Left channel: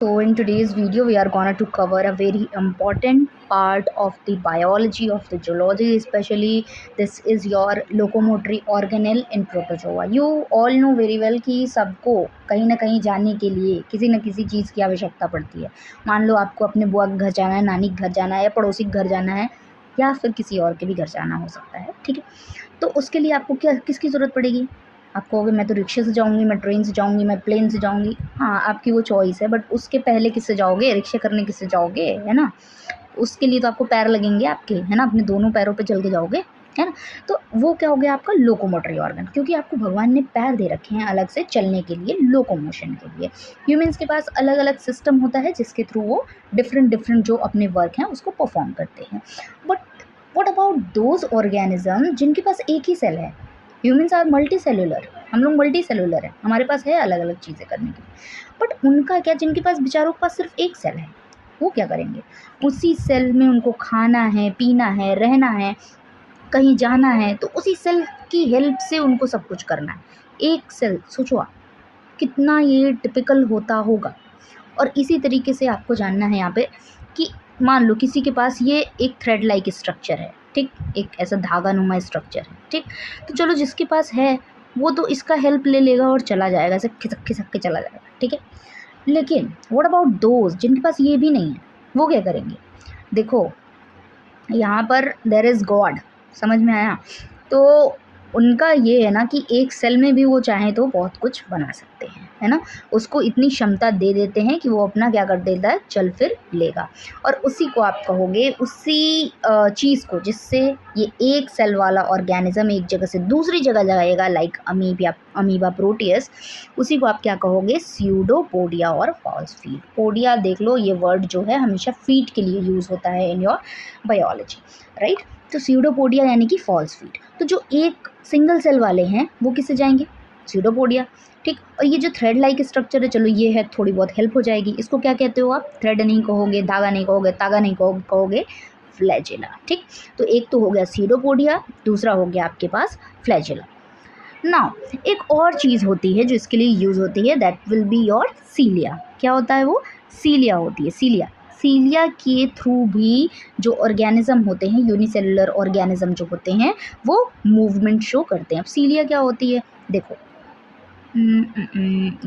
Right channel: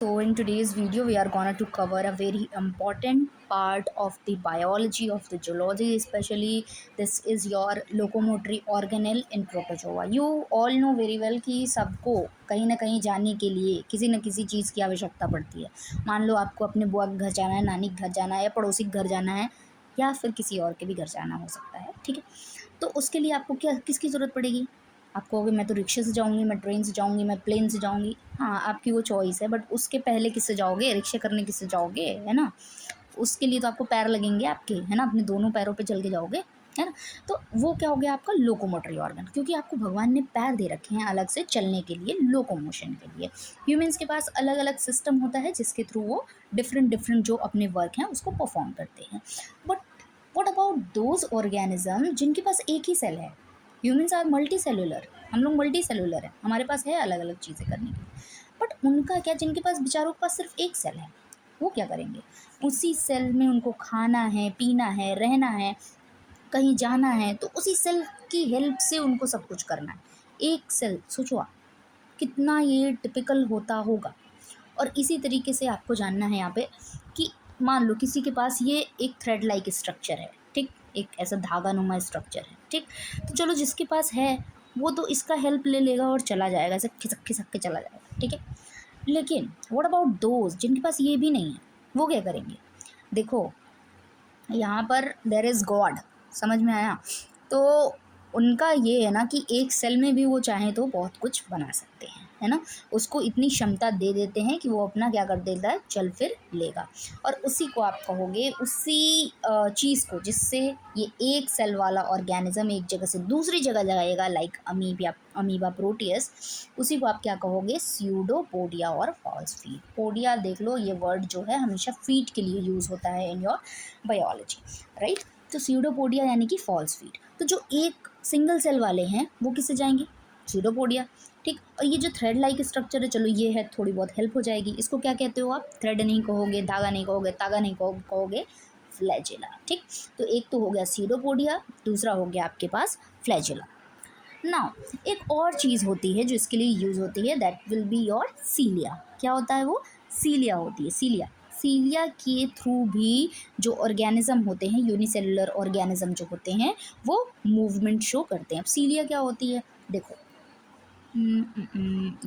So in today's video we are going to cover a very important part of the biology of the zoology, especially this is your locomotory organelle in protozoa. You all know very well कि सबको कहीं ना कहीं जाने के लिए किसी न किसी चीज़ की आवश्यकता पड़ती है। मान लो आपको अपने बुआ के घर जाना है, नानी के घर जाना है या पड़ोसी के घर जाना है या फिर किसी और के भी घर जाना हो सकता है, ठीक है। तो उसके लिए आपको क्या किसकी ज़रूरत पड़ेगी? आप कहोगे मैं तो रिक्शे से जाऊँगी, मैं ट्रेन से जाऊँगी, मैं प्लेन से जाऊँगी। हाँ, आपकी वो चॉइस है, बट उसके पहले किससे जाओगे? रिक्शा करने किससे जाओगे, है ना? उसके लिए तो आपको पैर लगेंगे आपके, है ना? अपने दोनों पैरों पे चल के जाओगे, है ना? तो वो क्या हो गया आपका लोकोमोटरी ऑर्गन, क्योंकि आपको भगवान ने पैर दे रखे हैं अलग से चलने के लिए, लोकोमोशन के लिए। ह्यूमन्स के पास अलग-अलग सिस्टम होता है जिसके थ्रू वो डिफरेंट जो अपने वर्क हैं उसको परफॉर्म करते हैं। But what about those organism जिनके पास एक ही सेल है? ह्यूमन्स आर मल्टी सेलुलर, हम लोग मल्टी सेलुलर हैं, हमारे पास है अलग अलग चीज़ें करने के लिए। बट उनका क्या, जिनके पास बेचारों के पास सिर्फ एक सेल है, वो क्या करेंगे? उसी सेल में उनको खाना है, पीना है, रहना है, कहीं जाना है, तो उसी सेल की हेल्प से उनको सब कुछ करना है। एक सेल, सोचो आप कितना ये टिपिकल होता होगा। और इसी तरीके से आपको जानना है यहाँ पे कि मान लो किसी के पास ये एक थ्रेड लाइक स्ट्रक्चर है, ठीक, एक ऐसा धागा नुमा स्ट्रक्चर है, ठीक। तो चलो जिसके पास है वो तो इसका हेल्प ले लेगा और चला जाएगा, ऐसे खिसक खिसक के चला जाएगा, ठीक है। लेकिन व्हाट अबाउट दोज जिनके पास ये भी नहीं है, वो क्या करेंगे? देखो यहाँ पर देयर इज़ गॉड, समझ में आया? तो उनका ये है ना कि एक सेल में भी वो चाहें तो बहुत कुछ बना सकते हैं, है ना? उसको इतनी क्षमता दे देते हैं कि वो अपना क्या कर देता है, चल फिर लेगा। और उसी को आप कहोगे, उसी चीज़ को जिससे ये एक सेल वाला ऑर्गेनिज्म एक जगह से दूसरी जगह जाएगा, लाइक अमीबा प्रोटियस, उसी को आप क्या कहोगे? स्यूडोपोडिया और फॉल्स फीट। पोडिया देख लो, ये वर्ड जो है हमेशा फीट के लिए यूज़ होता है इन योर बायोलॉजी, राइट। तो स्यूडोपोडिया यानी कि फॉल्स फीट। तो जो एक सिंगल सेल वाले हैं वो किससे जाएंगे? स्यूडोपोडिया, ठीक। और ये जो थ्रेड लाइक स्ट्रक्चर है, चलो ये है, थोड़ी बहुत हेल्प हो जाएगी। इसको क्या कहते हो आप? थ्रेड नहीं कहोगे, धागा नहीं कहोगे, तागा नहीं कहोगे, फ्लैजिला, ठीक। तो एक तो हो गया स्यूडोपोडिया, दूसरा हो गया आपके पास फ्लैजिला। नाउ एक और चीज़ होती है जो इसके लिए यूज़ होती है, दैट विल बी योर सीलिया। क्या होता है वो? सीलिया होती है, सीलिया। सीलिया के थ्रू भी जो ऑर्गेनिज्म होते हैं, यूनिसेलुलर ऑर्गेनिज्म जो होते हैं, वो मूवमेंट शो करते हैं। अब सीलिया क्या होती है, देखो,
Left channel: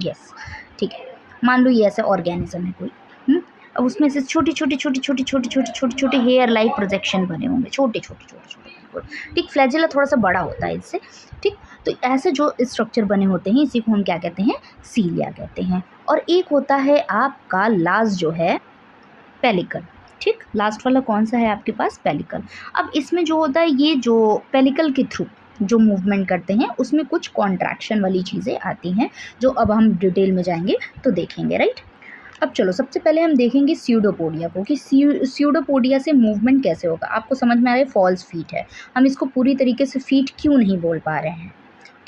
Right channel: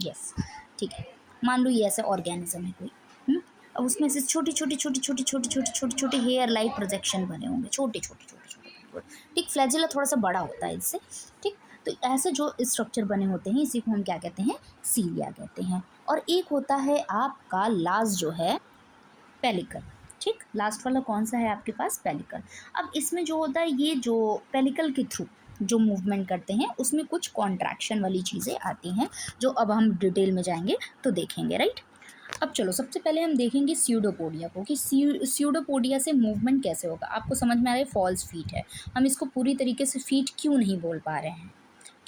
यस, ठीक है। मान लो ये ऐसा ऑर्गेनिज्म है कोई, अब उसमें से छोटे हेयर लाइक प्रोजेक्शन बने होंगे, छोटे, ठीक। फ्लैजिला थोड़ा सा बड़ा होता है इससे, ठीक। तो ऐसे जो स्ट्रक्चर बने होते हैं इसी को हम क्या कहते हैं? सीलिया कहते हैं। और एक होता है आपका लास्ट जो है पेलिकल, ठीक। लास्ट वाला कौन सा है आपके पास? पेलिकल। अब इसमें जो होता है, ये जो पेलिकल के थ्रू जो मूवमेंट करते हैं उसमें कुछ कॉन्ट्रैक्शन वाली चीज़ें आती हैं, जो अब हम डिटेल में जाएंगे तो देखेंगे, राइट। अब चलो सबसे पहले हम देखेंगे स्यूडोपोडिया को, कि स्यूडोपोडिया से मूवमेंट कैसे होगा। आपको समझ में आ रहा है फॉल्स फीट है, हम इसको पूरी तरीके से फीट क्यों नहीं बोल पा रहे हैं,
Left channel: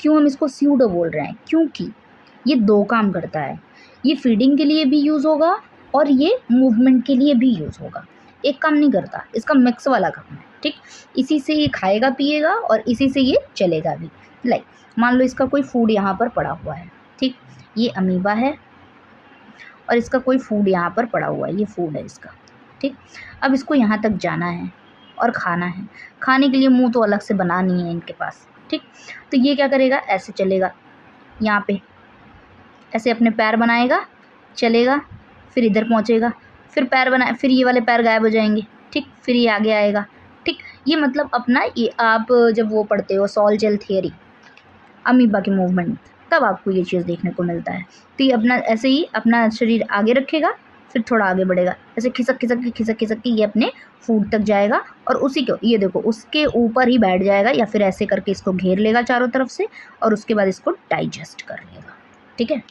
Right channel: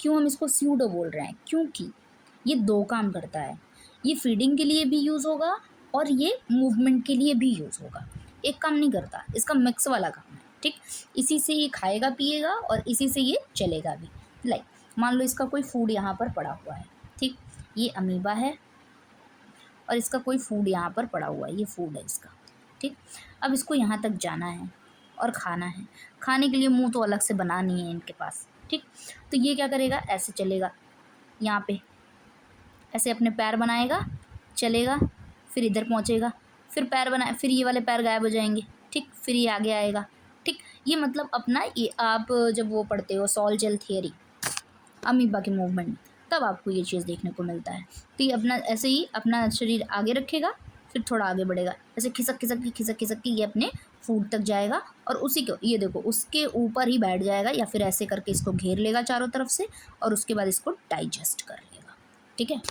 क्यों हम इसको स्यूडो बोल रहे हैं? क्योंकि ये दो काम करता है, ये फीडिंग के लिए भी यूज़ होगा और ये मूवमेंट के लिए भी यूज़ होगा। एक काम नहीं करता, इसका मिक्स वाला काम है, ठीक। इसी से ये खाएगा पिएगा और इसी से ये चलेगा भी। लाइक मान लो इसका कोई फूड यहाँ पर पड़ा हुआ है, ठीक। ये अमीबा है और इसका कोई फूड यहाँ पर पड़ा हुआ है, ये फूड है इसका, ठीक। अब इसको यहाँ तक जाना है और खाना है, खाने के लिए मुंह तो अलग से बना नहीं है इनके पास, ठीक। तो ये क्या करेगा? ऐसे चलेगा, यहाँ पे ऐसे अपने पैर बनाएगा, चलेगा, फिर इधर पहुँचेगा, फिर पैर बनाए, फिर ये वाले पैर गायब हो जाएंगे, ठीक। फिर ये आगे आएगा, ठीक। ये मतलब अपना, ये आप जब वो पढ़ते हो सॉल जेल थियरी अमीबा के मूवमेंट, तब आपको ये चीज़ देखने को मिलता है। तो ये अपना ऐसे ही अपना शरीर आगे रखेगा, फिर थोड़ा आगे बढ़ेगा, ऐसे खिसक खिसक के ये अपने फूड तक जाएगा और उसी को ये देखो उसके ऊपर ही बैठ जाएगा, या फिर ऐसे करके इसको घेर लेगा चारों तरफ से और उसके बाद इसको डाइजेस्ट कर लेगा, ठीक है।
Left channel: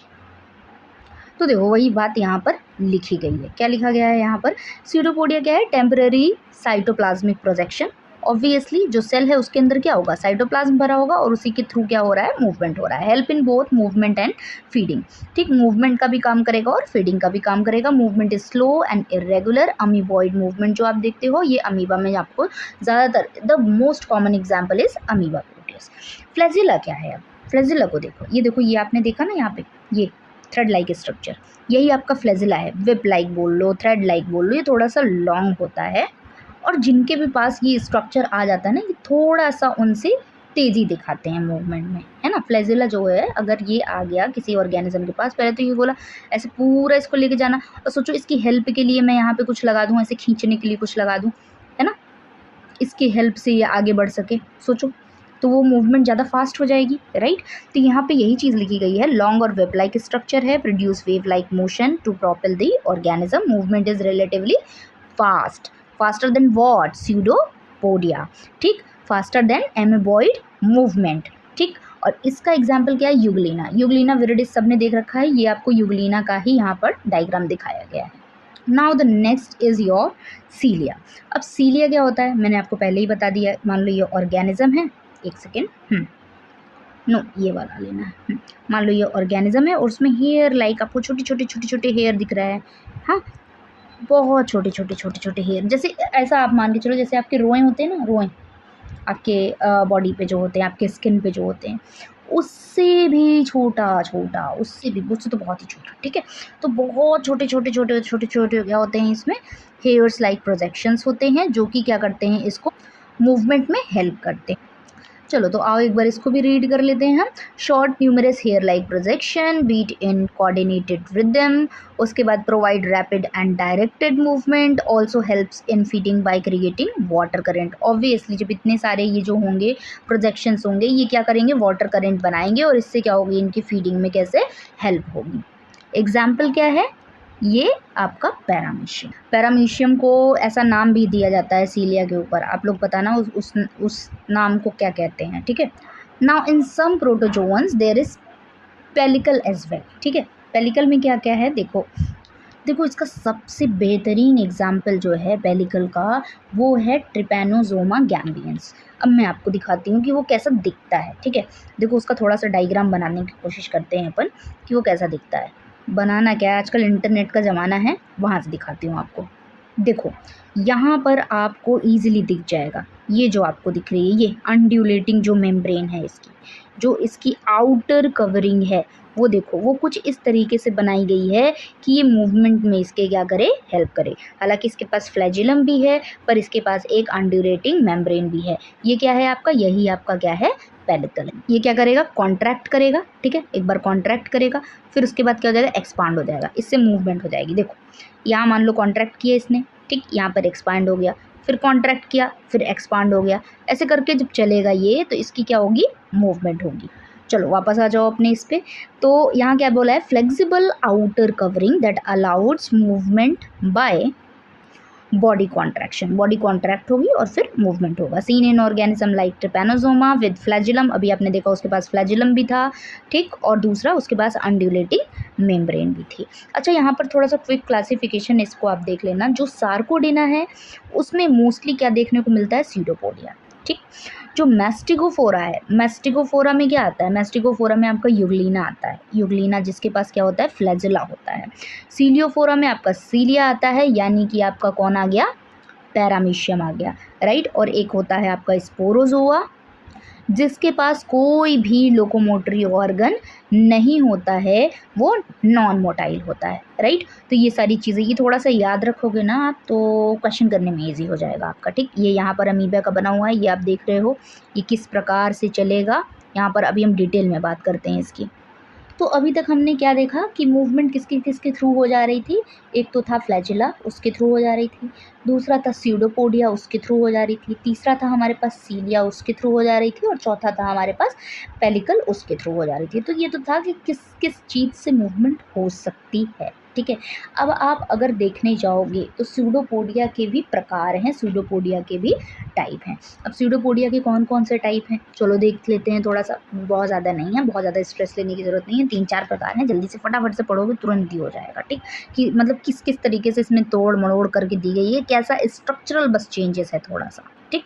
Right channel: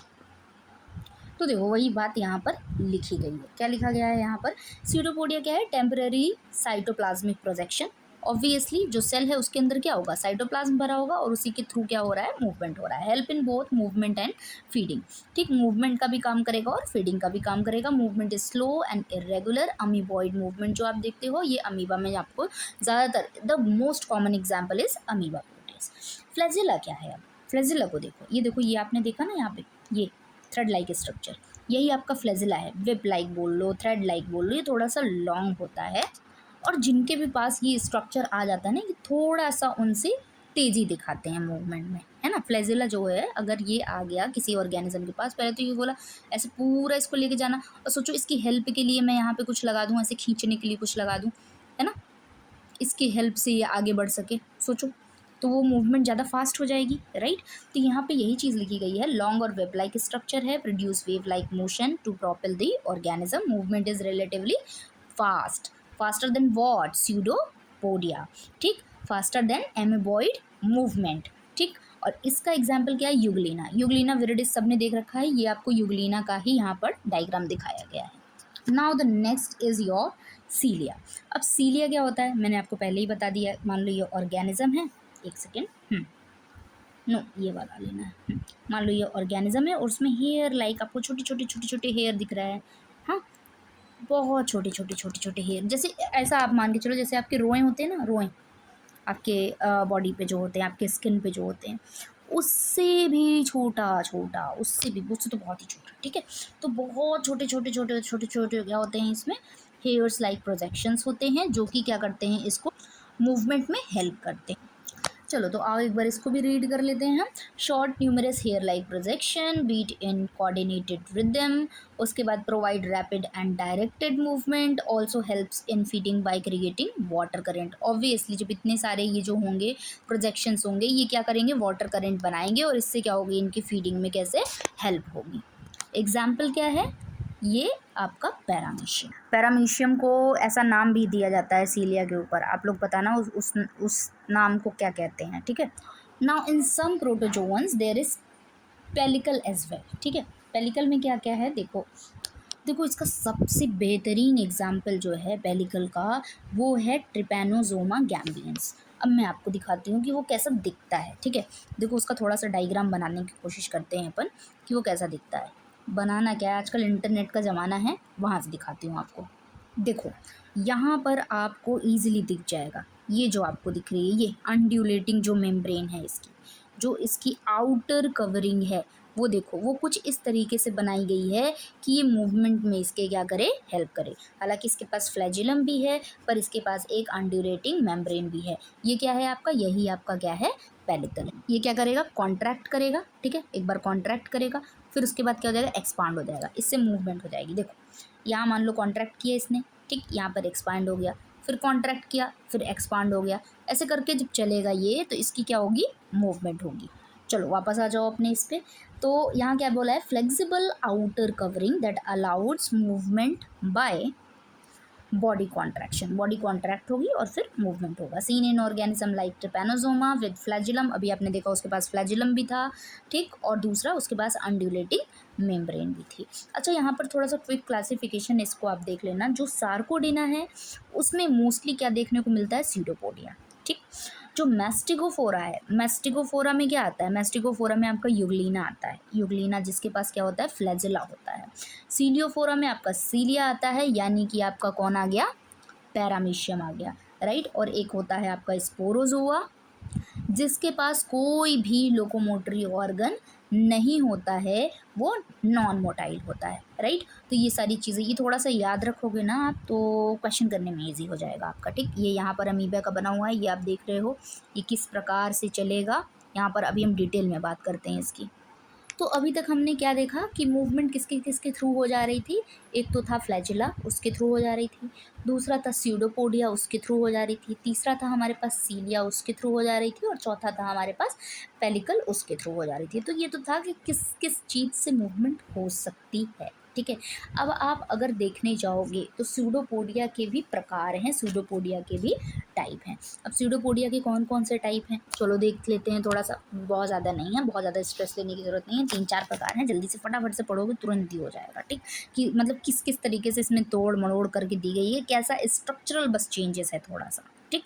तो देखो वही बात यहाँ पर लिखी गई है। क्या लिखा गया है यहाँ पर? स्यूडोपोडिया क्या है? Temporary cytoplasmic projection. ऑब्वियसली जो सेल है उसके अंदर क्या होगा? साइटोप्लाज्म भरा होगा और उसी के थ्रू क्या हो रहा है? मूवमेंट हो रहा है। Help in both movement and feeding, ठीक। मूवमेंट का भी काम करेगा और फीडिंग का भी काम करेगा। Movement is slow and irregular. Amoeboid movement जो आप देखते हो ये अमीबा में आपको ज़्यादातर, the most common example is amoeba Proteus. Flagella क्या है? अब फ्लैजिला को देखो, ये देखो, ये आपने देखा ना यहाँ पे, ये थ्रेड लाइक स्ट्रक्चर, यही आपका फ्लैजिला है, विप लाइक बोल लो, थ्रेड लाइक बोल लो, ये थोड़ा सा लॉन्ग होता है। और जिनके भी पास ये स्ट्रक्चर आ जाता है ना, ये थोड़ा सा उनसे तेज़ी दिखाते हैं मूवमेंट में, है ना। फ्लैजिला जो है अगर ये आ गया किसी ऑर्गेनिज्म के पास, पहले तो ये बोला ऐसे पूरा इसको लेके जाना, और सोचो इसकी हेल्प के लिए मैं यहाँ पे कुछ लगा दूँ, ऐसे खींचने के लिए कुछ लगा दूँ, है ना, इसकी हेल्प से ये आगे बढ़ सके, सोचो तो वो मूवमेंट ज़्यादा फास्ट हो जाएगी, राइट। तो यहाँ पे यही चीज़ लिखी गई है, लॉन्ग और वेब लाइक स्ट्रक्चर है, produce wave like motion to propel the organism, movement is relatively fast, faster than what, pseudopodia, ठीक, फास्टर देन एमेबॉइड मूवमेंट, ठीक। और इसका एग्जाम्पल क्या है, यूग्लिना, यूग्लिना विरिडिस सबने देख रखा है, ये आपको यूग्लिना का ही यहाँ पर डायग्राम दिखाया गया है। Now the next is your cilia. अब सीलिया क्या होता है, मैंने आपको पहले ही बता दिया, मान लो ये ऑर्गेनिज्म है, एक सेकेंड, नो ये वाला लेना है, मान लो ये ऑर्गेनिज्म है और उसमें हेयर लाइक आपको छोटे छोटे छोटे छोटे हेयर दिख रहा है, हाँ, बहुत छोटे छोटे छोटे छोटे हेयर, जैसे ऐसा आप मान के चलो जैसे आपके रोए होते हैं ना, रोए आपके बॉडी पे जो होते हैं, आपके स्किन पे जो होते हैं, उससे भी छोटा छोटा, उससे भी, उससे तो बहुत ही छोटा, ठीक है। तो बहुत छोटे छोटे छोटे छोटे छोटे क्या होते हैं इसमें, हेयर्स लाइक प्रोजेक्शंस होते हैं, जो कि क्या करते हैं, इसको मूवमेंट में हेल्प करते हैं। चलो तो आओ एक बार इसको भी रीड कर लेते हैं हम। Short numerous hair like projection beat in coordinated rhythm, उसके बाद provide rapid and directed movement, also helps in feeding by creating water current. Obviously जब इतने सारे ये जो होंगे प्रोजेक्शंस होंगे, ये क्या करेंगे, वाटर करंट बनाएंगे, और इससे क्या होगी, इनकी फीडिंग में कैसे हेल्प होगी। एग्जाम्पल क्या है, ये आपका पैरामीशियम, पैरामीशियम को ऐसा नाम भी दिया जाता है सीलिया के ऊपर, आप लोग बताना उस नाम को क्या कहते हैं, ठीक है। Now in some protozoans there is pellicle as well, ठीक है। पेलिकल में क्या क्या है, देखो देखो इसका सबसे बेहतरीन एग्जाम्पल जो है पेलिकल का, वो है ट्रिपैनोजोमा गैम्बियंस। अब मैं आपको दिखाती हूँ कि वो कैसा दिखता है, ठीक है। देखो उसका थोड़ा सा डायग्राम बनाने की कोशिश करते हैं अपन कि वो कैसा दिखता है। बनाना क्या है, आजकल इंटरनेट का ज़माना है, वहाँ से दिखाती हूँ आपको। देखो यहाँ पर आपको ईजिली दिख जाएगा, ये जो आपको दिख रही है, ये अनड्यूलेटिंग जो मेम्ब्रेन है इसकी, जो इसकी आउटर कवरिंग है, वो देखो वो कुछ इस तरीके से बनाई गई है कि ये मूवमेंट में इसके क्या करे, हेल्प करे। हालांकि इसके पास फ्लैजिलम भी है, पर इसके पास एक अनड्यूलेटिंग मेम्ब्रेन भी है। ये क्या है आपका, यही आपका क्या है, पेलिकल। ये क्या करेगा, कॉन्ट्रैक्ट करेगा, ठीक है, एक बार कॉन्ट्रैक्ट करेगा, फिर उसके बाद क्या हो जाएगा, एक्सपांड हो जाएगा, इससे मूवमेंट हो जाएगी। देखो यहाँ मान लो कॉन्ट्रैक्ट किया इसने, ठीक, यहाँ पर एक्सपांड हो गया, फिर कॉन्ट्रैक्ट किया, फिर एक्सपांड हो गया, ऐसे करके जब चलेगा ये, तो इसकी क्या होगी, मूवमेंट होगी। चलो वापस आ जाओ अपने इस पे। तो यहाँ क्या बोला है, flexible outer covering that allows movement by body contraction, body contract होगी और फिर मूवमेंट होगा। Seen in organism like trypanosoma with flagellum, अभी आपने देखा उसके पास फ्लैजिलम भी था, ठीक, और दूसरा उसके पास अनड्यूलेटिंग मेम्ब्रेन भी थी। अच्छा यहाँ पर थोड़ा सा क्विक क्लासिफिकेशन इसको आप देख लेना, जो सार्कोडेना है उसमें मोस्टली क्या देखने को मिलता है, सीडोपोडिया, ठीक। जो मैस्टिगोफोरा है, मैस्टिगोफोरा में क्या आता है, मैस्टिगोफोरा में आपका यूग्लिना आता है, यूग्लिना जिसके पास क्या होता है, फ्लैजिला होता है। सीलियोफोरा में आपका सीलिया आता है, यानी कि आपका कौन आ गया, पैरामीशियम आ गया, राइट। और एक होता है आपका स्पोरोजोआ, जिसके पास कोई भी लोकोमोटरी ऑर्गन नहीं होता है, वो नॉन मोटाइल होता है, राइट। तो ये सारी चीज़ें ये थोड़ा सा याद रखोगे ना आप, तो क्वेश्चन करने में इजी हो जाएगा आपका, ठीक। ये यहाँ पर अमीबा का बना हुआ है, ये आप देख रहे हो, ये किस प्रकार से चलेगा, यहाँ पर अभी हम डिटेल में बात करते हैं इसकी। तो अभी तक हमने क्या देखा कि मूवमेंट किसके किसके थ्रू हो जा रही थी, एक तो था फ्लैजिला, उसके थ्रू हो जा रही थी, दूसरा था स्यूडोपोडिया, उसके थ्रू हो जा रही थी, तीसरा था हमारे पास सीलिया, उसके थ्रू हो जा रही थी, और चौथा था हमारे पास पेलिकल, उसके थ्रू हो जा रही थी। तो ये तो था कि किस किस चीज़ से मूवमेंट हो सकती है, ठीक है। अब आप अगर देखने जाओगे तो स्यूडोपोडिया के भी प्रकार हैं, स्यूडोपोडिया के भी टाइप हैं। अब स्यूडोपोडिया के कौन कौन से टाइप हैं, चलो देख लेते हैं, थोड़ा सा, बहुत ज़्यादा नहीं है, बहुत ज़्यादा स्ट्रेस लेने की ज़रूरत नहीं है, 3-4 प्रकार हैं, जल्दी से फटाफट से पढ़ोगे तुरंत ही हो जाएगा, ठीक। कि मतलब किस किस तरीके से इसमें तोड़ मड़ोड़ करके दी गई है, कैसा स्ट्रक्चरल बस चेंजेस है थोड़ा सा, ठीक।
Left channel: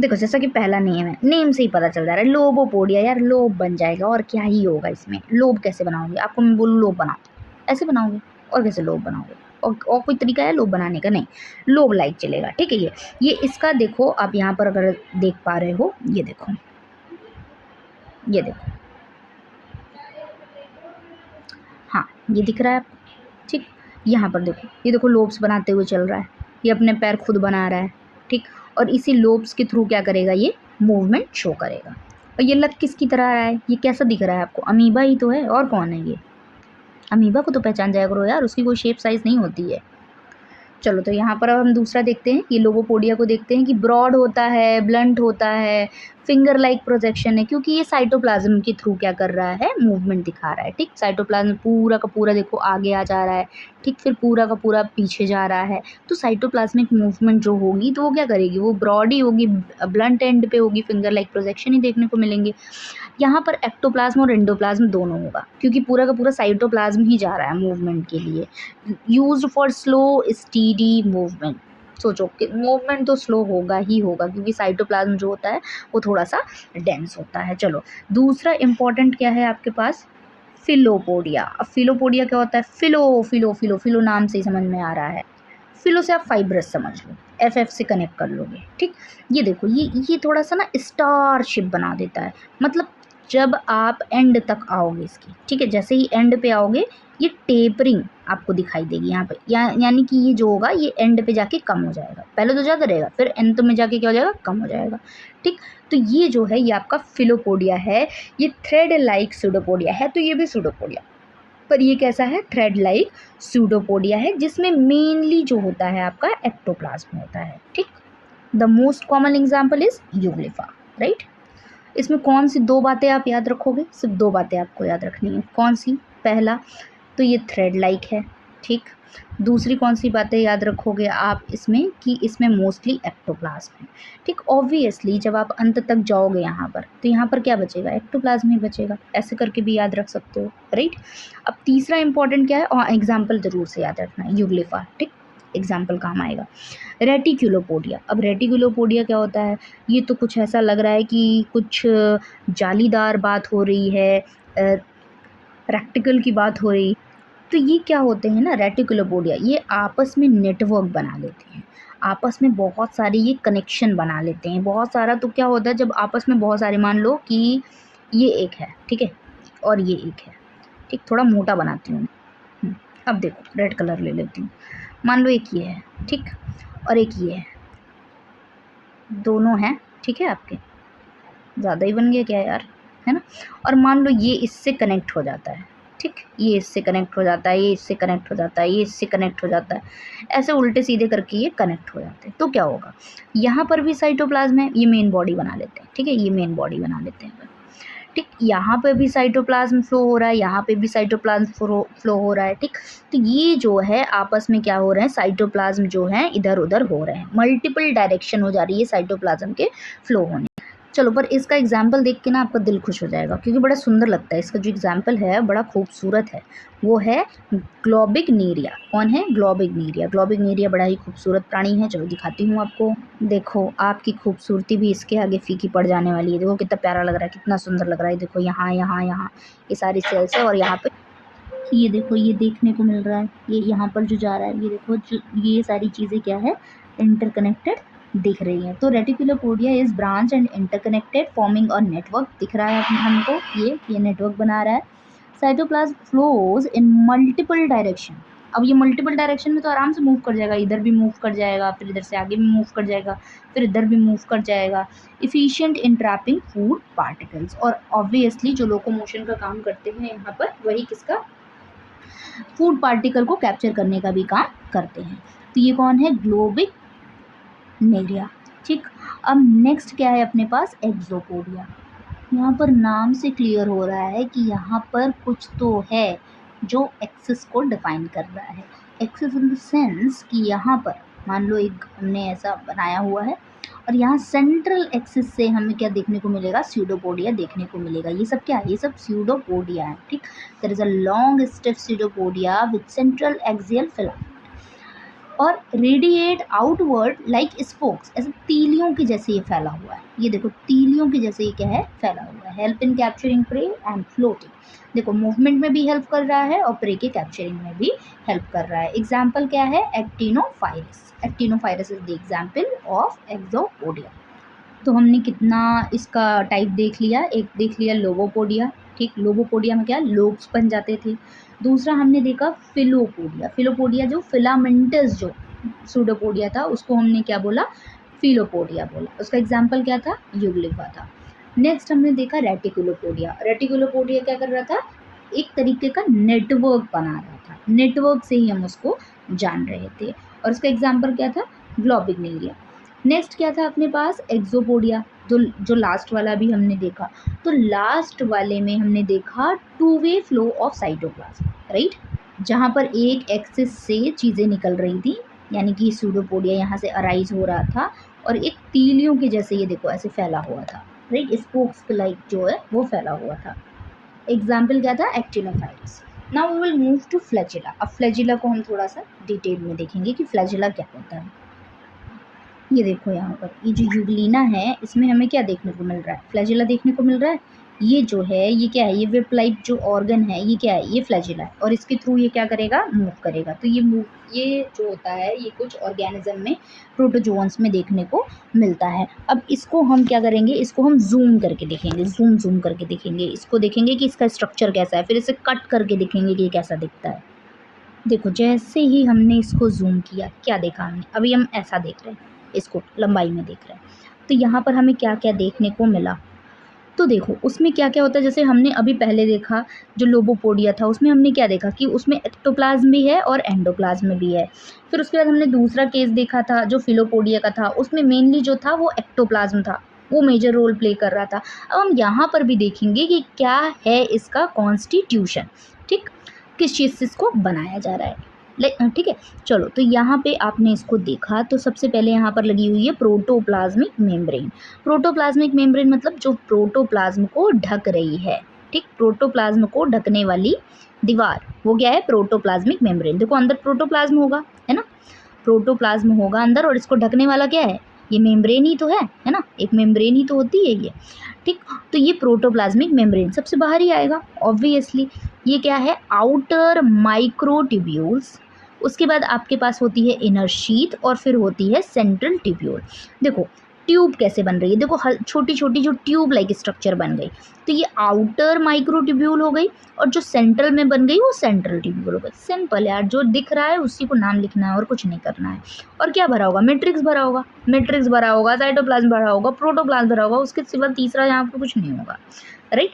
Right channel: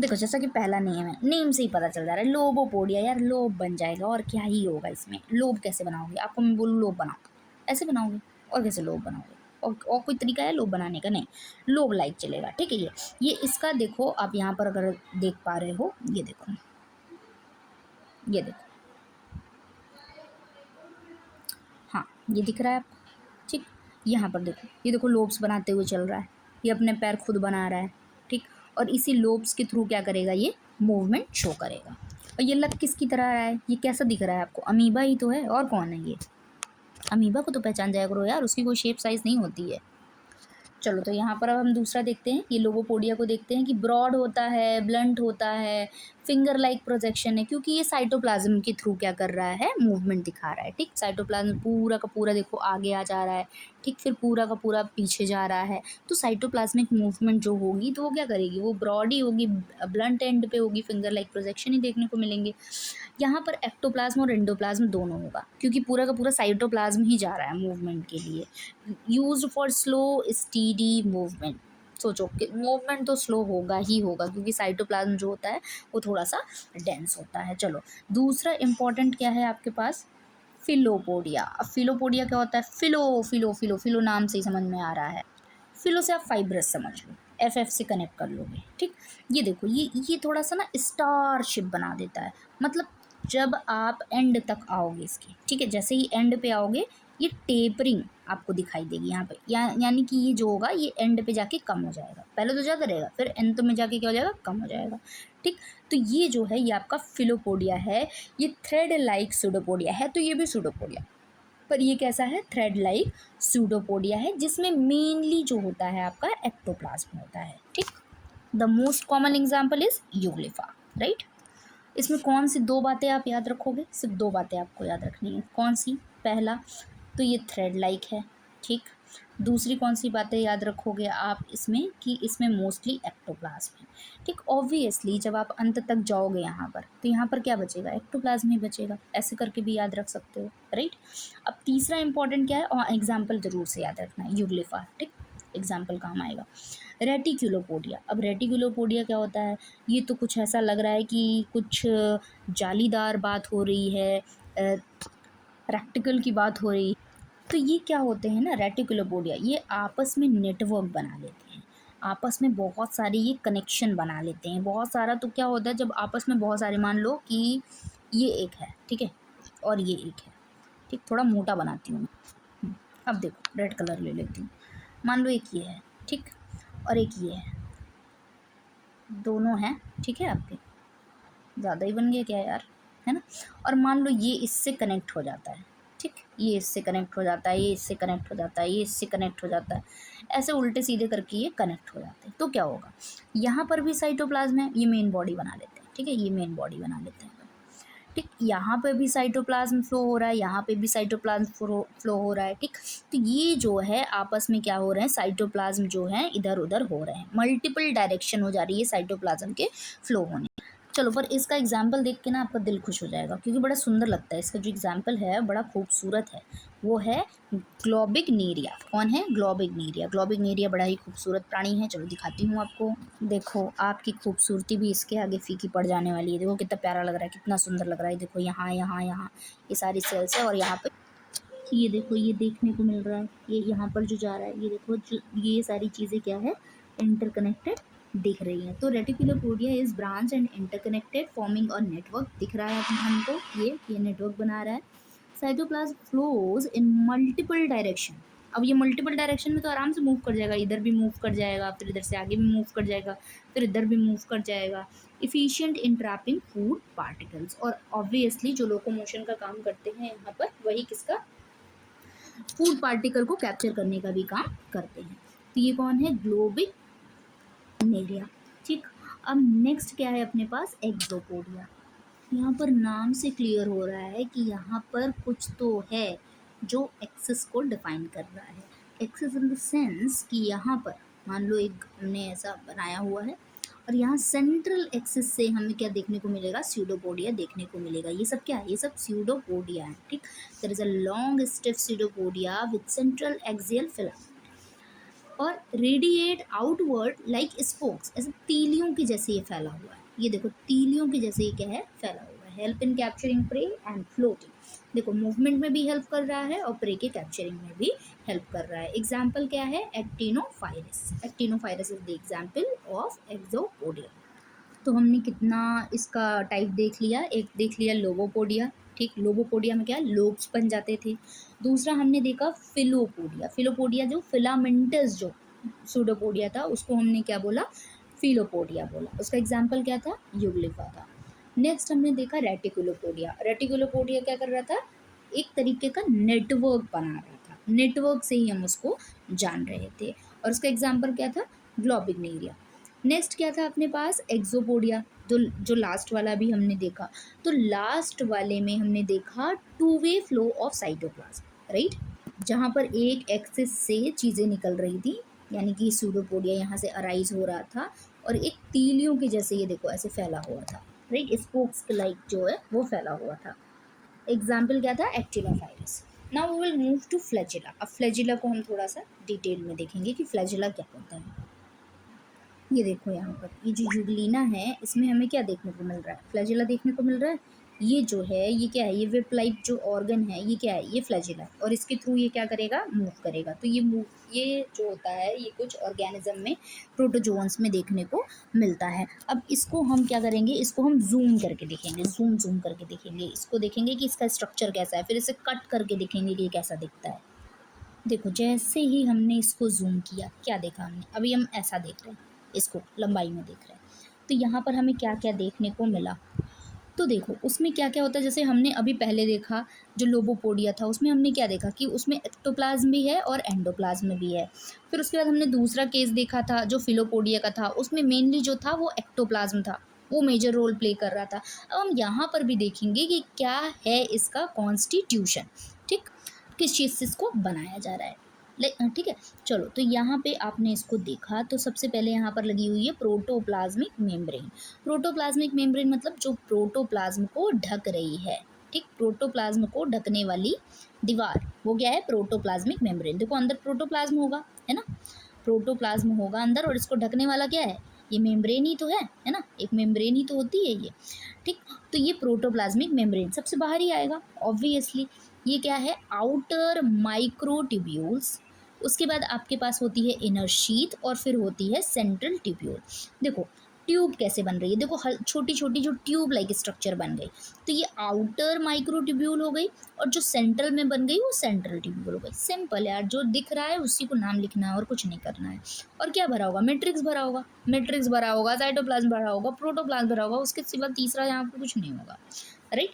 देखो जैसा कि पहला नेम है, नेम से ही पता चल जा रहा है, लोबोपोडिया, यार लोब बन जाएगा, और क्या ही होगा इसमें, लोब कैसे बनाओगे, आपको मैं बोलूँ लोब बनाओ, ऐसे बनाओगे, और कैसे लोब बनाओगे, और कोई तरीका है लोब बनाने का, नहीं, लोब लाइक चलेगा, ठीक है। ये इसका देखो आप यहाँ पर अगर देख पा रहे हो, ये देखो, ये देखो, हाँ ये दिख रहा है आपको, ठीक, यहाँ पर देखो, ये देखो लोब्स बनाते हुए चल रहा है, ये अपने पैर खुद बना रहा है। ठीक, और इसी लोब्स के थ्रू क्या करेगा, ये मूवमेंट शो करेगा। और ये लग किसकी तरह रहा है, ये कैसा दिख रहा है आपको, अमीबा ही तो है, और कौन है ये, अमीबा को तो पहचान जाया करो यार, उसकी कोई शेप साइज़ नहीं होती है। चलो तो यहाँ पर अब हम दूसरा देखते हैं, ये लोगोपोडिया को देखते हैं कि ब्रॉड होता है, ब्लंट होता है, फिंगर लाइक प्रोजेक्शन है, क्योंकि ये साइटोप्लाज्म के थ्रू क्या कर रहा है, मूवमेंट दिखा रहा है। ठीक, साइटोप्लाज्म पूरा का पूरा देखो आगे आ जा रहा है, ठीक, फिर पूरा का पूरा पीछे जा रहा है। तो साइटोप्लाज्मिक मूवमेंट जो होगी तो वो क्या करेगी, वो ब्रॉड ही होगी, ब्लंट एंड पे होगी, फिंगर लाइक प्रोजेक्शन ही देखने को मिलेंगे। यहाँ पर एक्टोप्लाज्म और एंडोप्लाज्म दोनों होगा, क्योंकि पूरा का पूरा साइटोप्लाज्म ही जा रहा है मूवमेंट के लिए। Used for slow steady movement. सोचो कि मूवमेंट तो स्लो होगा ही होगा, क्योंकि साइटोप्लाज्म जो होता है वो थोड़ा सा डेंस होता है। चलो दूसरा इंपॉर्टेंट क्या है आपके पास, फिलोपोडिया। अब फिलोपोडिया क्या होता है, फिलो फिलो फिलो फिलो नाम से ही समझ में आ रहा है। फिलो से आप फाइब्रस समझ लो, एफ से कनेक्ट कर लोगे। ठीक, ये देखो, ये थोड़ा सा ना स्टार शेप बना देता है, मतलब जब आप एंड तक आओगे इसके, ठीक है, जैसे ही एंड पे आओगे ये टेपरिंग आपको दिखाई देगी यहाँ पे, यानी कि ये जो होगा ये एंड पे जाके कम हो जाएगा, पहले तो ज़्यादा रहेगा, फिर एंड में जाके क्या हो जाएगा, कम हो जाएगा। ठीक, तो ये जो है ये आपका फिलोपोडिया है, ये थ्रेड लाइक सूडोपोडिया है, तो ये भी सूडोपोडिया, पर ये कैसा है, थ्रेड लाइक सूडोपोडिया है, जिसमें मेनली जो होता है आपका एक्टोप्लाज्म होता है। ठीक, the most common example is euglypha, right. इसमें कौन सी दो बातें आप याद रखोगे, सिर्फ दो बातें आपको याद रखनी है, कौन सी, पहला तो ये थ्रेड लाइक है। ठीक, दूसरी कौन सी बातें याद रखोगे आप इसमें, कि इसमें मोस्टली एक्टोप्लाज्म है। ठीक, ऑब्वियसली जब आप अंत तक जाओगे यहाँ पर तो यहाँ पर क्या बचेगा, एक्टोप्लाज्म ही बचेगा, ऐसे करके भी याद रख सकते हो, राइट। अब तीसरा इंपॉर्टेंट क्या है, और एग्जाम्पल जरूर से याद रखना है, यूग्लिफा। ठीक, एग्जाम्पल काम आएगा। रेटिकुलोपोडिया, अब रेटिकुलोपोडिया क्या होता है, ये तो कुछ ऐसा लग रहा है कि कुछ जालीदार बात हो रही है, प्रैक्टिकल की बात हो रही है। तो ये क्या होते हैं ना, रेटिकुलोपोडिया, ये आपस में नेटवर्क बना लेते हैं, आपस में बहुत सारे ये कनेक्शन बना लेते हैं, बहुत सारा। तो क्या होता है जब आपस में बहुत सारे, मान लो कि ये एक है, ठीक है, और ये एक है, ठीक, थोड़ा मोटा बनाती हूँ। अब देखो रेड कलर ले लेती हूँ, मान लो एक ये है, ठीक, और एक ये है, दोनों हैं, ठीक है, आपके ज़्यादा ही बन गया क्या यार, है ना। और मान लो ये इससे कनेक्ट हो जाता है, ठीक, ये इससे कनेक्ट हो जाता है, ये इससे कनेक्ट हो जाता है, ये इससे कनेक्ट हो जाता है, ऐसे उल्टे सीधे करके ये कनेक्ट हो जाते हैं। तो क्या होगा, यहाँ पर भी साइटोप्लाज्म है, ये मेन बॉडी बना लेते हैं, ठीक है, ये मेन बॉडी बना लेते हैं। ठीक, यहाँ पे भी साइटोप्लाज्म फ्लो हो रहा है, यहाँ पे भी साइटोप्लाज्म फ्लो हो रहा है। ठीक, तो ये जो है आपस में क्या हो रहे हैं, साइटोप्लाज्म जो है इधर उधर हो रहे हैं, मल्टीपल डायरेक्शन हो जा रही है साइटोप्लाज्म के फ्लो होने। चलो, पर इसका एग्जाम्पल देख के ना आपका दिल खुश हो जाएगा, क्योंकि बड़ा सुंदर लगता है, इसका जो एग्जाम्पल है बड़ा खूबसूरत है, वो है ग्लोबिग्नेरिया। कौन है, ग्लोबिग्नेरिया। ग्लोबिग्नेरिया बड़ा ही खूबसूरत प्राणी है, चलो दिखाती हूँ आपको। देखो आपकी खूबसूरती भी इसके आगे फीकी पड़ जाने वाली है, देखो कितना प्यारा लग रहा है, कितना सुंदर लग रहा है। देखो यहाँ यहाँ यहाँ ये सारी सेल्स है, और यहाँ पे ये देखो ये देखने को मिल रहा है, ये यहाँ पर जो जा रहा है, ये देखो जो ये सारी चीज़ें क्या है, इंटरकनेक्टेड दिख रही है। तो reticulopodia is branch and interconnected forming और नेटवर्क दिख रहा है हमको, ये नेटवर्क बना रहा है। Cytoplasm flows in multiple direction. अब ये मल्टीपल डायरेक्शन में तो आराम से मूव कर जाएगा, इधर भी मूव कर जाएगा, फिर इधर से आगे भी मूव कर जाएगा, फिर इधर भी मूव कर जाएगा। इफिशिएंट इन ट्रैपिंग फूड पार्टिकल्स, और ऑब्वियसली जो लोकोमोशन का काम करते हैं यहाँ पर, वही किसका, फूड पार्टिकल को कैप्चर करने का भी काम करते हैं। तो ये कौन है, ग्लोबिक नेरिया। ठीक, अब नेक्स्ट क्या है अपने पास, एक्सोपोडिया। यहाँ पर नाम से क्लियर हो रहा है कि यहाँ पर कुछ तो है जो एक्सिस को डिफाइन कर रहा है। एक्सिस इन द सेंस कि यहाँ पर मान लो एक हमने ऐसा बनाया हुआ है, और यहाँ सेंट्रल एक्सिस से हमें क्या देखने को मिलेगा, स्यूडोपोडिया देखने को मिलेगा। ये सब क्या है, ये सब स्यूडोपोडिया है। ठीक, there is a long stiff pseudopodia with central axial filament और रेडिएट आउटवर्ड लाइक स्पोक्स, ऐसे तीलियों के जैसे ये फैला हुआ है। ये देखो तीलियों के जैसे ये क्या है, फैला हुआ है। Help in capturing prey and floating, देखो मूवमेंट में भी हेल्प कर रहा है और प्रे के कैप्चरिंग में भी हेल्प कर रहा है। एग्जाम्पल क्या है, एक्टिनोफाइरस। एक्टिनोफाइरस इज द एग्जाम्पल ऑफ एक्सोपोडिया। तो हमने कितना इसका टाइप देख लिया, एक देख लिया लोगोपोडिया, ठीक, लोबोपोडिया में क्या लोब्स बन जाते थे। दूसरा हमने देखा फिलोपोडिया, फिलोपोडिया जो फिलामेंटस जो सूडोपोडिया था उसको हमने क्या बोला, फिलोपोडिया बोला। उसका एग्जाम्पल क्या था, यूग्लिफा था। नेक्स्ट हमने देखा रेटिकुलोपोडिया, रेटिकुलोपोडिया क्या कर रहा था, एक तरीके का नेटवर्क बना रहा था, नेटवर्क से ही हम उसको जान रहे थे, और उसका एग्जाम्पल क्या था, ग्लोबिग्नेरिया। नेक्स्ट क्या था अपने पास, एक्सोपोडिया, जो लास्ट वाला भी हमने देखा। तो लास्ट वाले में हमने देखा two way flow of cytoplasm, right, जहाँ पर एक एक्सिस से चीज़ें निकल रही थी, यानी कि सूडोपोडिया यहाँ से अराइज हो रहा था और एक तीलियों के जैसे ये देखो ऐसे फैला हुआ था, राइट, स्पोक्स लाइक जो है वो फैला हुआ था। एग्जाम्पल क्या था, actinophrys. Now we will move to flagella. अब फ्लैजिला को हम थोड़ा सा डिटेल में देखेंगे कि फ्लैजिला क्या होता है। ये देखो यहाँ पर ये जो यूग्लिना है इसमें हमें क्या देखने को मिल रहा है, फ्लैजिला देखने को मिल रहा है। ये जो है ये क्या है, ये वेब लाइक जो ऑर्गन है ये क्या है, ये फ्लैजिला है, और इसके थ्रू ये क्या करेगा, मूव करेगा। तो ये जो होता है ये कुछ ऑर्गेनिज्म में, प्रोटोजोअन्स में देखने को मिलता है। अब इसको हम क्या करेंगे, इसको हम जूम करके देखेंगे, जूम करके देखेंगे, इसको देखेंगे कि इसका स्ट्रक्चर कैसा है, फिर इसे कट करके देखेंगे कि ये कैसा दिखता है। देखो जैसे ही हमने इसको जूम किया, क्या देखा हमने, अभी हम ऐसा देख रहे हैं, इसको लंबाई में देख रहे हैं, तो यहाँ पर हमें क्या क्या देखने को मिला। तो देखो उसमें क्या क्या होता है, जैसे हमने अभी पहले देखा जो लोबोपोडिया था उसमें हमने क्या देखा कि उसमें एक्टोप्लाज्म भी है और एंडोप्लाज्म भी है। फिर उसके बाद हमने दूसरा केस देखा था जो फिलोपोडिया का था, उसमें मेनली जो था वो एक्टोप्लाज्म था, वो मेजर रोल प्ले कर रहा था। अब हम यहाँ पर भी देखेंगे कि क्या है इसका कॉन्स्टिट्यूशन, ठीक, किस चीज़ से इसको बनाया जा रहा है, ठीक है। चलो तो यहाँ पे आपने इसको देखा तो सबसे पहले यहाँ पर लगी हुई है प्रोटोप्लाज्मिक मेम्ब्रेन। प्रोटोप्लाज्मिक मेम्ब्रेन मतलब जो प्रोटोप्लाज्म को ढक रही है, ठीक, प्रोटोप्लाज्म को ढकने वाली दीवार, वो क्या है, प्रोटोप्लाज्मिक मेम्ब्रेन। देखो अंदर प्रोटोप्लाज्म होगा, है ना, प्रोटोप्लाज्म होगा अंदर, और इसको ढकने वाला क्या है, ये मेम्ब्रेन ही तो है ना, एक मेम्ब्रेन ही तो होती है ये, ठीक। तो ये प्रोटोप्लाज्मिक मेम्ब्रेन सबसे बाहर ही आएगा ऑब्वियसली। ये क्या है, आउटर माइक्रोट्यूब्यूल्स, उसके बाद आपके पास होती है इनर शीथ, और फिर होती है सेंट्रल ट्यूब्यूल। देखो ट्यूब कैसे बन रही है, देखो छोटी छोटी जो ट्यूब लाइक स्ट्रक्चर बन गई, तो ये आउटर माइक्रोट्यूब्यूल हो गई, और जो सेंट्रल में बन गई वो सेंट्रल ट्यूब्यूल हो गई। सिंपल यार, जो दिख रहा है उसी को नाम लिखना है और कुछ नहीं करना है। और क्या भरा होगा, मैट्रिक्स भरा होगा, मैट्रिक्स भरा होगा, साइटोप्लाज्म भरा होगा, प्रोटोप्लाज्म भरा होगा, उसके सिवा तीसरा यहाँ पर कुछ नहीं होगा, राइट।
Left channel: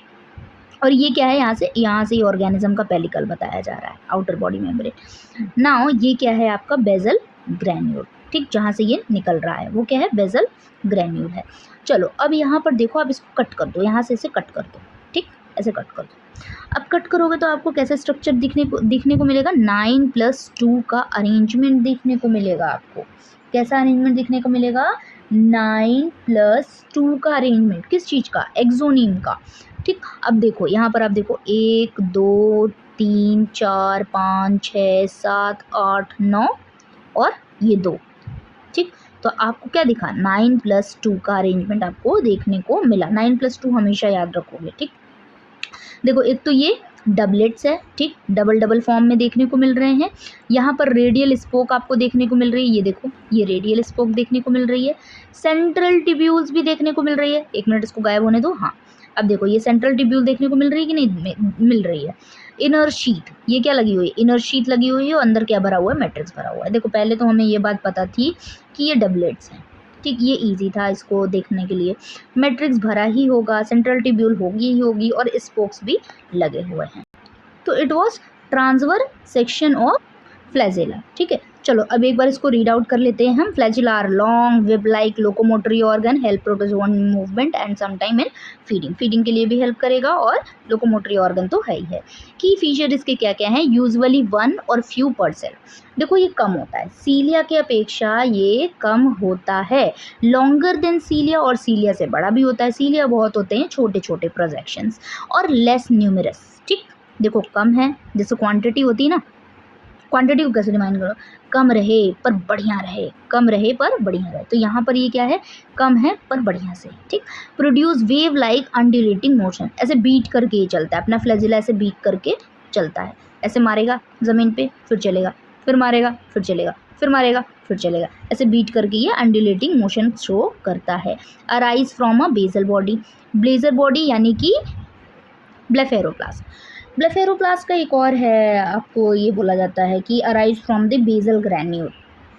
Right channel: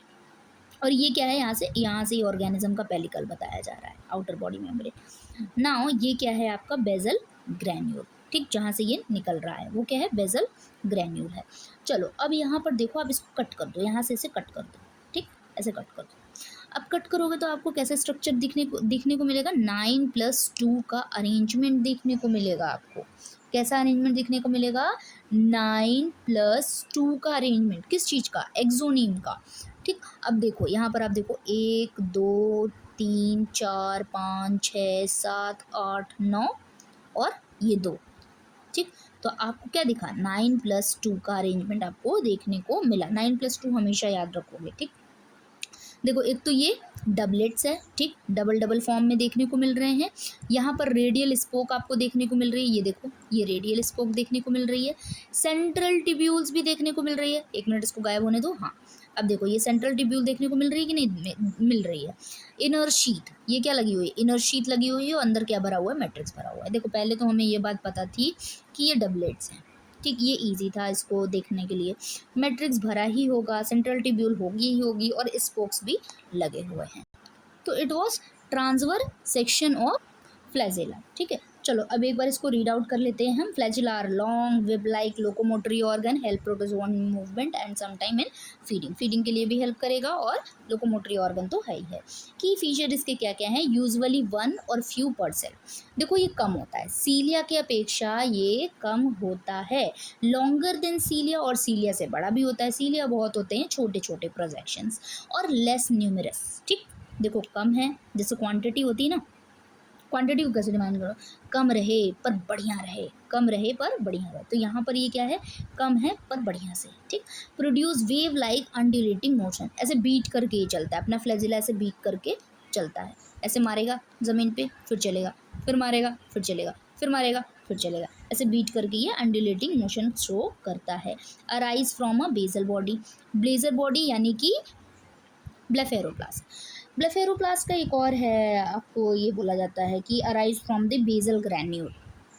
और ये क्या है, यहाँ से ऑर्गेनिज्म का पेलिकल बताया जा रहा है, आउटर बॉडी मेम्ब्रेन। नाउ ये क्या है आपका बेजल ग्रैन्यूल, ठीक, जहाँ से ये निकल रहा है वो क्या है, बेजल ग्रैन्यूल है। चलो अब यहाँ पर देखो, आप इसको कट कर दो, यहाँ से इसे कट कर दो, ठीक, ऐसे कट कर दो। अब कट करोगे तो आपको कैसा स्ट्रक्चर दिखने को मिलेगा, 9+2 का अरेंजमेंट देखने को मिलेगा आपको। कैसा अरेंजमेंट दिखने को मिलेगा, 9+2 का अरेंजमेंट, किस चीज़ का, एक्सोनीम का, ठीक। अब देखो यहाँ पर आप देखो 1 2 3 4 5 6 7 8 9 और ये 2, ठीक। तो आपको क्या दिखा, 9+2 का अरेंजमेंट आपको देखने को मिला। 9+2 हमेशा याद रखोगे, ठीक। देखो एक तो ये डबलेट्स है, ठीक, डबल डबल फॉर्म में देखने को मिल रहे हैं। यहाँ पर रेडियल स्पोक आपको देखने को मिल रही है, ये देखो ये रेडियल स्पोक देखने को मिल रही है। सेंट्रल ट्यूब्यूल्स भी देखने को मिल रही है, एक मिनट इसको गायब होने दो, हाँ। अब देखो ये सेंट्रल ट्यूब्यूल देखने को मिल रही है कि नहीं मिल रही है। इनर शीथ, ये क्या लगी हुई है, इनर शीथ लगी हुई है, और अंदर क्या भरा हुआ है, मैट्रिक्स भरा हुआ है। देखो पहले तो हमें ये बात पता थी कि ये डबलेट्स हैं, ठीक, ये इजी था इसको देखने के लिए। मैट्रिक्स भरा ही होगा, सेंट्रल ट्यूब्यूल होगी ही होगी, और स्पोक्स भी लगे हुए हैं। तो it was transverse section of flagella, ठीक है। चलो अब एक बार इसको रीड आउट कर लेते हैं हम। Flagella are long web like locomotory organ, help protozoan movement and sometime in feeding, feeding के लिए भी हेल्प करेगा, और लोकोमोटरी ऑर्गन तो है ही है। की फीचर इसके क्या क्या हैं, यूजुअली 1 और फ्यू पर सेल। देखो ये कम होता है, सीलिया के अपेक्षा ये कम होता है, लॉन्गर देन सीलिया, और सीलिया से बड़ा भी होता है। सीलिया बहुत होते हैं छोटे छोटे प्रोजेक्शंस, और लेस न्यूमरस, ठीक। देखो कम है, जैसे क्वांटिटी होती है ना, क्वांटिटी को कैसे डिमाइन करो, कम रहे पर बढ़िया रहे, कम रहे पर बढ़िया रहे, तो यहाँ पर ये क्या है, कम है पर बढ़िया से, ठीक। Produce wave like undulating motion, ऐसे बीट करके ही चलता है अपना फ्लैजिला, ऐसे बीट करके चलता है, ऐसे मारेगा ज़मीन पे फिर चलेगा, फिर मारेगा फिर चलेगा, फिर मारेगा फिर चलेगा, ऐसे बीट करके ये अंडुलेटिंग मोशन शो करता है। Arise from a basal body, blazer body यानी कि ब्लेफेरोप्लास्ट। ब्लेफेरोप्लास्ट का एक और है, आपको ये बोला जाता है कि arise from the basal granule,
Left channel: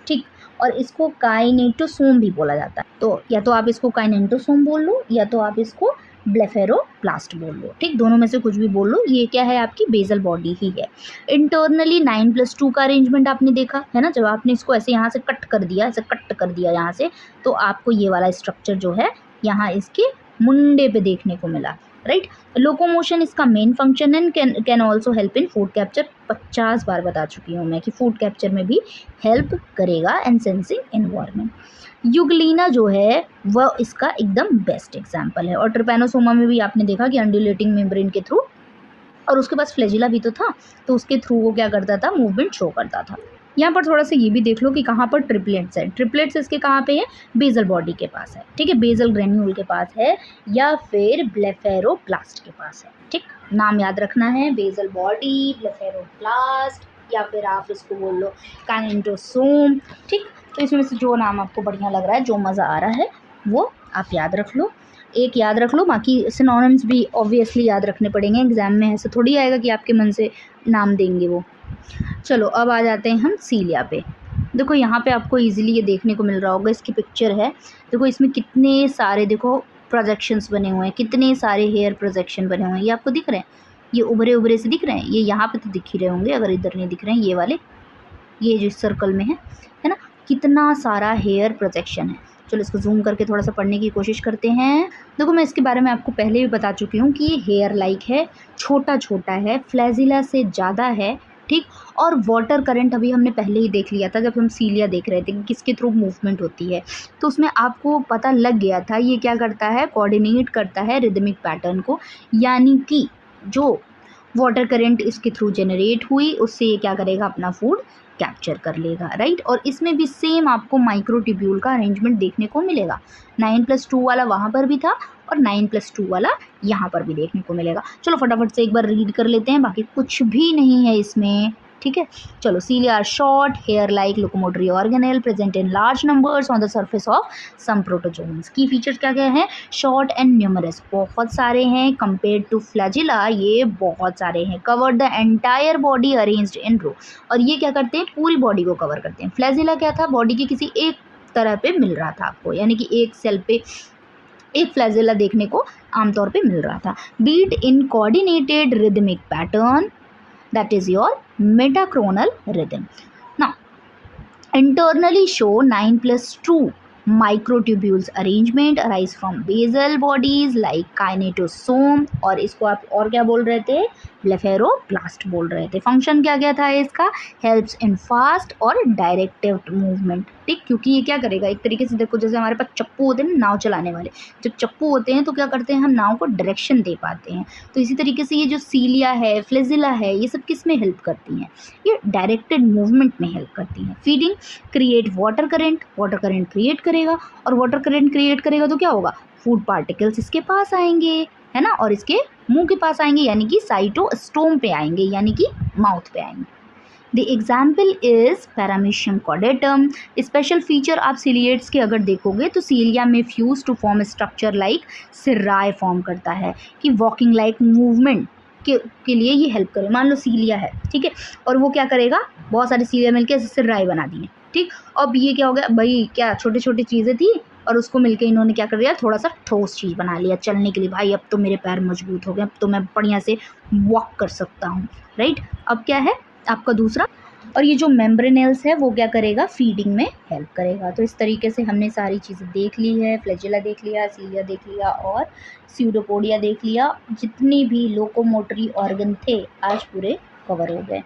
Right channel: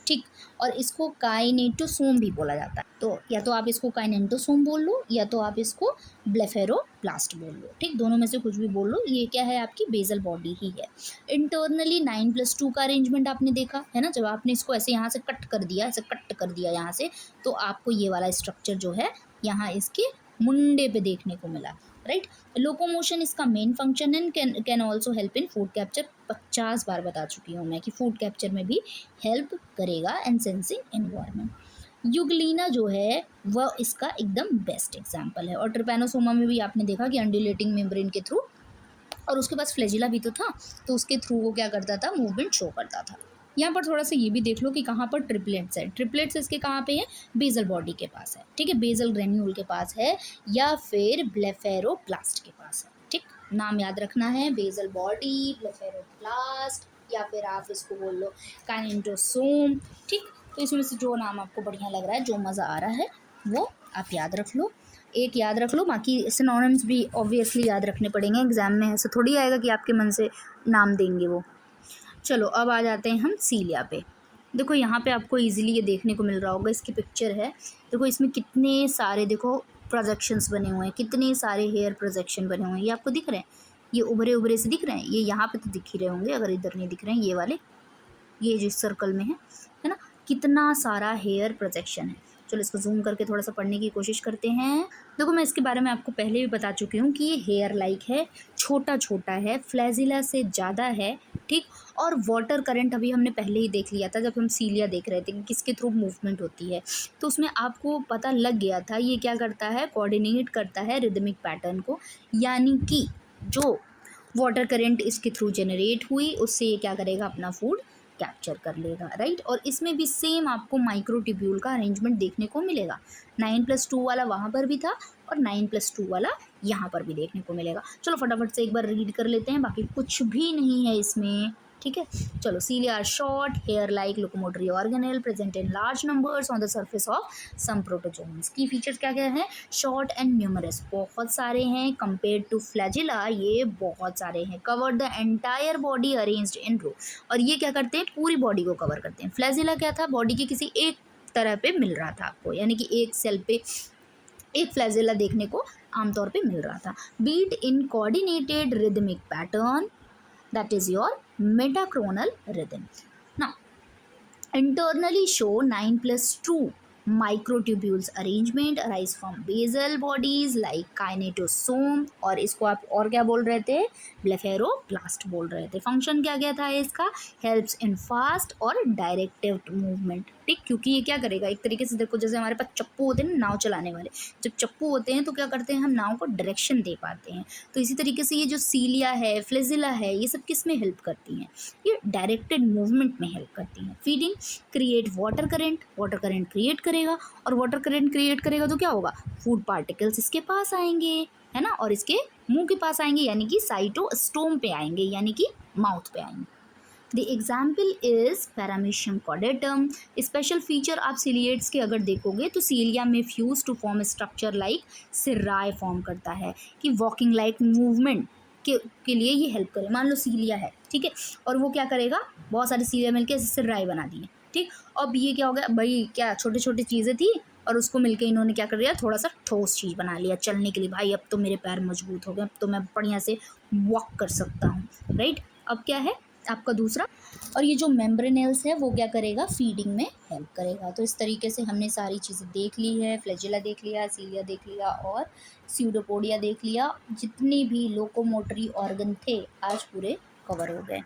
ठीक। और इसको काइनेटोसोम भी बोला जाता है। तो आप इसको काइनेटोसोम बोल लो या तो आप इसको ब्लेफेरोप्लास्ट बोल लो, ठीक। दोनों में से कुछ भी बोल लो, ये क्या है, आपकी बेसल बॉडी ही है। इंटरनली 9+2 का अरेंजमेंट आपने देखा है ना, जब आपने इसको ऐसे यहाँ से कट कर दिया, ऐसे कट कर दिया यहाँ से, तो आपको ये वाला स्ट्रक्चर जो है यहाँ इसके मुंडे पे देखने को मिला, राइट। लोकोमोशन इसका मेन फंक्शन है, can also help in food capture. 50 बार बता चुकी हूँ मैं कि फूड कैप्चर में भी हेल्प करेगा एंड सेंसिंग एनवायरनमेंट। यूग्लिना जो है वह इसका एकदम बेस्ट एग्जाम्पल है। और ट्रिपैनोसोमा में भी आपने देखा कि अंडुलेटिंग मेम्ब्रेन के थ्रू, और उसके पास फ्लैजिला भी तो था, तो उसके थ्रू वो क्या करता था, मूवमेंट शो करता था। यहाँ पर थोड़ा सा ये भी देख लो कि कहाँ पर ट्रिपलेट्स है। ट्रिपलेट्स इसके कहाँ पे है, बेसल बॉडी के पास है, ठीक है, बेसल ग्रेन्यूल के पास है या फिर ब्लेफेरोप्लास्ट के पास है, ठीक। नाम याद रखना है, बेसल बॉडी, ब्लेफेरोप्लास्ट, या फिर आप इसको बोल लो काइनेटोसोम, ठीक। तो इसमें से जो नाम आपको बढ़िया लग रहा है, जो मज़ा आ रहा है, वो आप याद रख लो। एक याद रख लो, बाकी सिनोनिम्स भी ऑब्वियसली याद रखने पड़ेंगे एग्जाम में, ऐसा थोड़ी आएगा कि आपके मन से नाम देंगे वो। चलो अब आ जाते हैं हम सीलिया पे। देखो यहाँ पे आपको इजीली ये देखने को मिल रहा होगा, इसकी पिक्चर है, देखो इसमें कितने सारे देखो प्रोजेक्शंस बने हुए हैं, कितने सारे हेयर प्रोजेक्शन बने हुए हैं, ये आपको दिख रहे हैं, ये उभरे उभरे से दिख रहे हैं, ये यहाँ पे तो दिख ही रहे होंगे, अगर इधर नहीं दिख रहे हैं ये वाले, ये जो सर्कल में है ना, कितना सारा हेयर प्रोजेक्शन है। चलो इसको जूम करके थोड़ा सा पढ़ने की कोशिश करते हैं। देखो मैं इसके बारे में आपको पहले भी बता चुकी हूँ कि ये हेयर लाइक है, छोटा छोटा है, फ्लैजिला से ज़्यादा है, ठीक। और वाटर करंट अभी हमने पहले ही देख लिया था जब हम सीलिया देख रहे थे कि किसके थ्रू मूवमेंट होती है, तो उसमें आपको पता लग गया था ये क्या करता है, कोऑर्डिनेट करता है रिदमिक पैटर्न को, यानी कि जो वाटर करंट इसके थ्रू जनरेट हुई उससे ये क्या करेगा, अपना फूड कैप्चर कर लेगा, राइट। और इसमें भी सेम आपको माइक्रोट्यूब्यूल का अरेंजमेंट देखने को मिलेगा। 9+2 वाला वहाँ पर भी था और 9+2 वाला यहाँ पर भी देखने को मिलेगा। चलो फटाफट से एक बार रीड कर लेते हैं, बाकी कुछ भी नहीं है इसमें, ठीक है। चलो cilia are short hair like locomotory organelle present in large numbers on the surface of some protozoans. Key features क्या क्या हैं, शॉर्ट एंड न्यूमरस, बहुत सारे हैं, कंपेयर टू फ्लैजिला ये बहुत सारे हैं, cover the entire body arranged in row, और ये क्या करते हैं, पूरी बॉडी को कवर करते हैं। फ्लैजिला क्या था, बॉडी के किसी एक तरह पे मिल रहा था आपको, यानी कि एक सेल पे एक फ्लैजिला देखने को आमतौर पे मिल रहा था। Beat in coordinated rhythmic pattern, that is your metachronal rhythm. Now, internally show 9+2 microtubules arrangement arise from basal bodies like kinetosome, और इसको आप और क्या बोल रहे थे, ब्लेफेरोप्लास्ट बोल रहे थे। फंक्शन क्या क्या था इसका, हेल्प्स इन फास्ट और डायरेक्टिव मूवमेंट, ठीक। क्योंकि ये क्या करेगा, एक तरीके से देखो जैसे हमारे पास चप्पू होते हैं नाव चलाने वाले, जब चप्पू होते हैं तो क्या करते हैं, हम नाव को डायरेक्शन दे पाते हैं, तो इसी तरीके से ये जो सीलिया है, फ्लैजिला है, ये सब किस में हेल्प करती हैं, ये डायरेक्टेड मूवमेंट में हेल्प करती हैं। Feeding create water current, water current create करेगा, और वाटर करंट क्रिएट करेगा तो क्या होगा, फूड पार्टिकल्स इसके पास आएंगे, है ना, और इसके मुंह के पास आएंगे, यानी कि साइटोस्टोम पे आएंगे, यानी कि माउथ पे आएंगे। The example is paramecium caudatum. Special feature आप सीलिएट्स के अगर देखोगे तो सीलिया में fuse to form structure like cirri form करता है, कि वॉकिंग लाइक मूवमेंट के लिए ये हेल्प करे। मान लो सीलिया है, ठीक है, और वो क्या करेगा, बहुत सारी सीलिया मिलकर सिर्राय बना दी है, ठीक। अब ये क्या हो गया भाई, क्या छोटी छोटी चीज़ें थी और उसको मिलके इन्होंने क्या कर दिया, थोड़ा सा ठोस चीज़ बना लिया चलने के लिए, भाई अब तो मेरे पैर मजबूत हो गए, अब तो मैं बढ़िया से वॉक कर सकता हूँ, राइट। अब क्या है आपका दूसरा, और ये जो मेम्ब्रेनेल्स है वो क्या करेगा, फीडिंग में हेल्प करेगा। तो इस तरीके से हमने सारी चीज़ें देख ली है, फ्लैजिला देख लिया, सीलिया देख लिया और स्यूडोपोडिया देख लिया, जितनी भी लोकोमोटरी ऑर्गन थे आज पूरे कवर हो गए।